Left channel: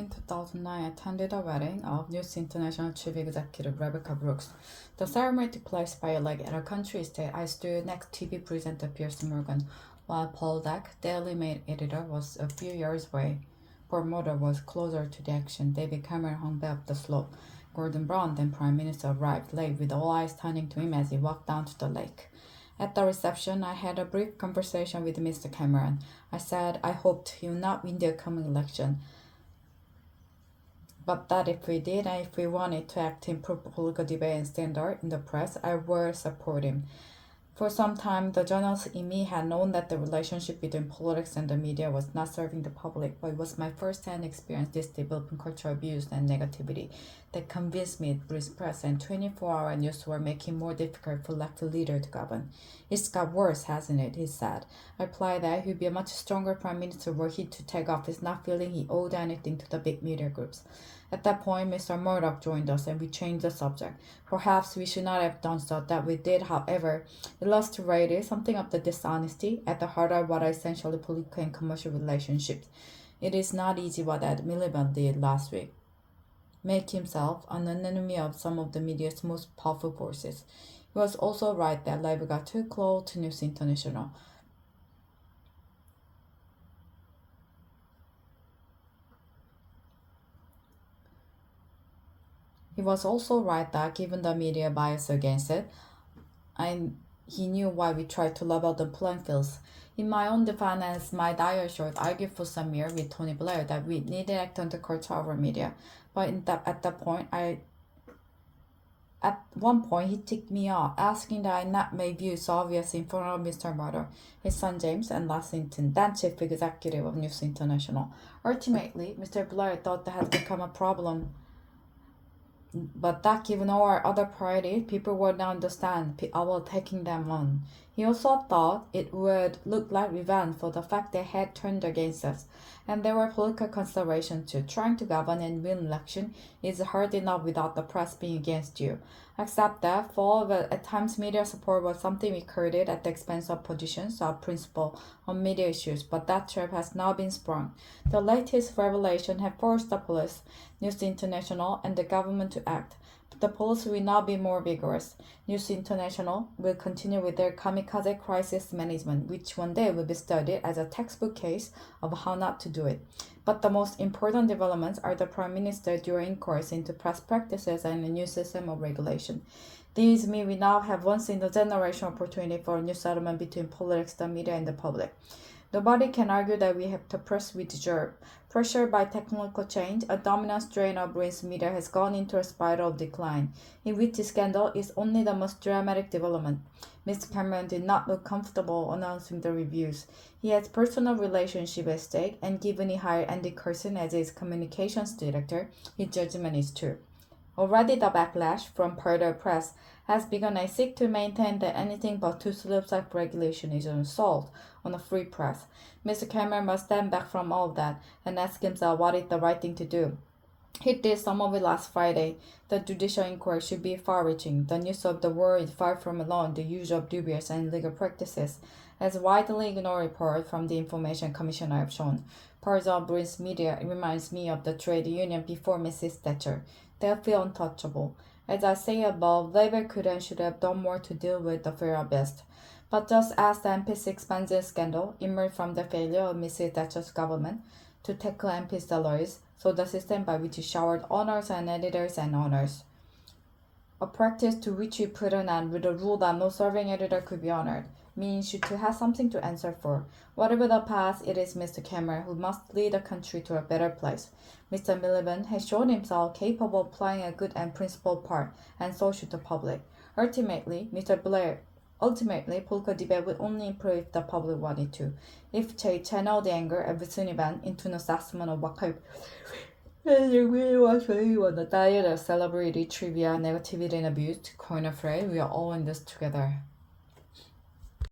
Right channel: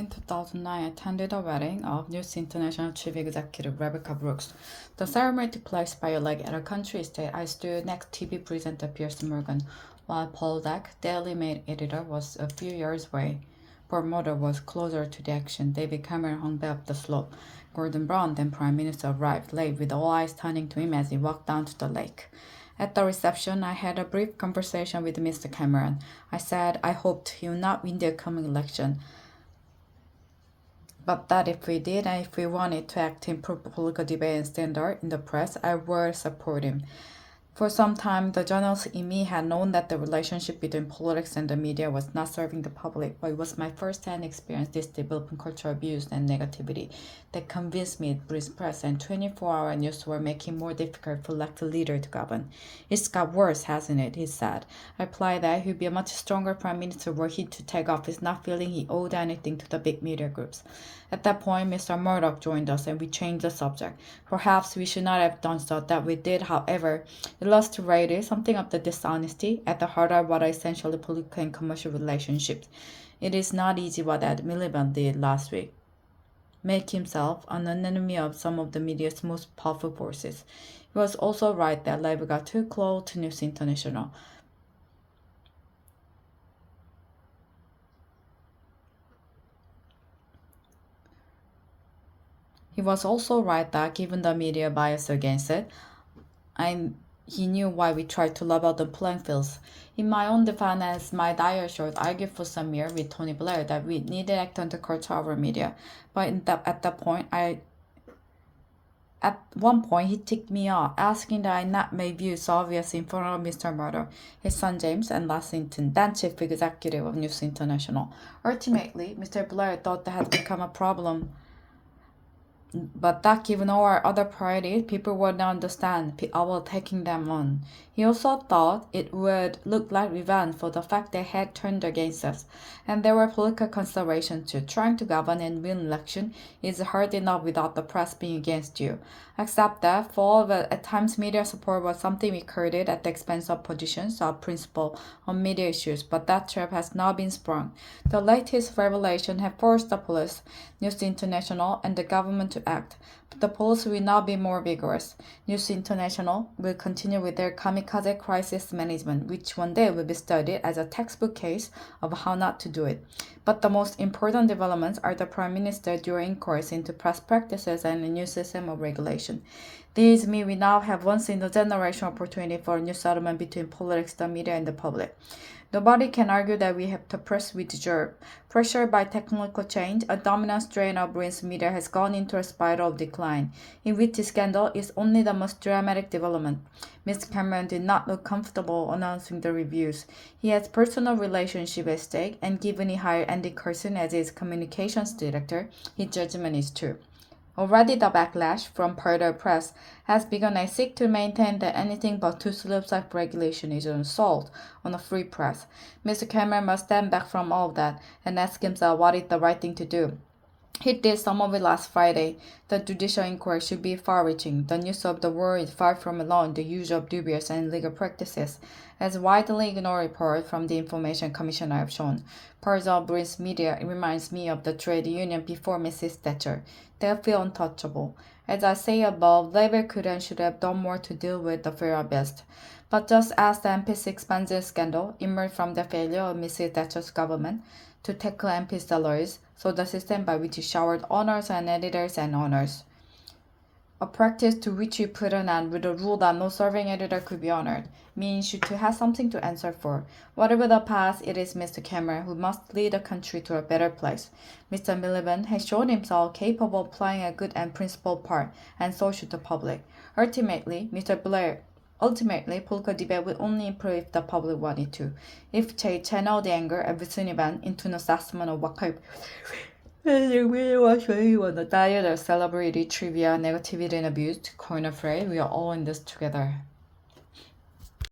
In 2009, I attended a wedding of News International Chief Executive Rebecca Brooks. The ceremony took place by a lake at a country estate. I stood next to TV presenter Pierce Morgan, while Paul Deck, Daily Mail editor, was a few yards away. Ford Motor was closer to the action. David Cameron hung back up the slope. Gordon Brown, then Prime Minister, arrived late with all eyes turning to him as he walked down to the lake. At the reception, I had a brief conversation with Mr. Cameron. I said I hoped he would not win the coming election, but that if we did and if we wanted to act in political debate and standard in the press, I would support him. For some time, the journalist in me had known that the relationship between politics and the media was not serving the public, but it was my first-hand experience this developing cultural abuse and negativity that convinced me British press and 24-hour news were making more difficult for elected leader to govern. It's got worse, hasn't it? He said. I replied that he'd be a much stronger prime minister were he to take office, not feeling he owed anything to the big media groups. At that point, Mr. Murdoch joined us and we changed the subject. Perhaps we should not have done so that we did, however, illustrated something of the dishonesty at the heart of what are essentially political and commercial relationships. It is not easy what Ed Miliband did last week. Make himself an enemy of some of the media's most powerful forces. He was also right that Labour got too close to News International. He was also right that given the media bias against it, he knew why we tried to level the playing fields. In my own defense, my diary argued for some years with Tony Blair that we needed to act on the culture of our media. But at one point, he ticked me off, asking that I not make views obvious in front of Mr. Murdoch, his son James, and Lexington, then chief executive of News International. Ultimately, Mr. Blair thought that had become a problem, but that given all our other priorities, people would not understand our taking them on. He also thought it would look like revenge for the fact they had turned against us, and there were political considerations too. Trying to govern and win election is hard enough without the press being against you. Except that, for all of it, at times media support was something we courted at the expense of positions of principle on media issues, but that trap has now been sprung. The latest revelation have forced the police, News International, and the government to act. But the police will now be more vigorous. News International will continue with their kamikaze crisis management, which one day will be studied as a textbook case of how not to do it. But the most important developments are the Prime Minister during inquiries into press practices and a new system of regulation. These mean we now have once in a generation opportunity for a new settlement between politics, the media, and the public. Nobody can argue that we have the press we deserve. Pressured by technological change, a dominant strain of British media has gone into a spiral of decline, in which the scandal is only the most dramatic development. Mr. Cameron did not look comfortable announcing the reviews. He has personal relationship at stake, and given he hired Andy Coulson as his communications director, his judgment is true. Already the backlash from part of the press has begun. I seek to maintain that anything but two slopes of regulation is an assault on a free press. Mr. Cameron must stand back from all of that and ask himself what is the right thing to do. He did some of it last Friday. The judicial inquiry should be far-reaching. The news of the world is far from allowing the use of dubious and illegal practices, as widely ignored reports from the Information Commissioner have shown. Parts of British media reminds me of the trade union before Mrs. Thatcher. They feel untouchable. As I say above, Labour could and should have done more to deal with the very best. But just as the MP's expenses scandal emerged from the failure of Mrs. Thatcher's government to tackle MP salaries, so the system by which he showered owners and editors and owners. A practice to which he put an end with a rule that no serving editor could be honored, means you to have something to answer for. Whatever the past, it is Mr. Cameron who must lead the country to a better place. Mr. Miliband has shown himself capable of playing a good and principled part, and so should the public. Ultimately, political debate will only improve if the public wanted to. If they channel the anger of Sunniban into an assessment of what kind the diet of celebrity trivia, negativity, and abuse to coin a phrase, we are all in this together.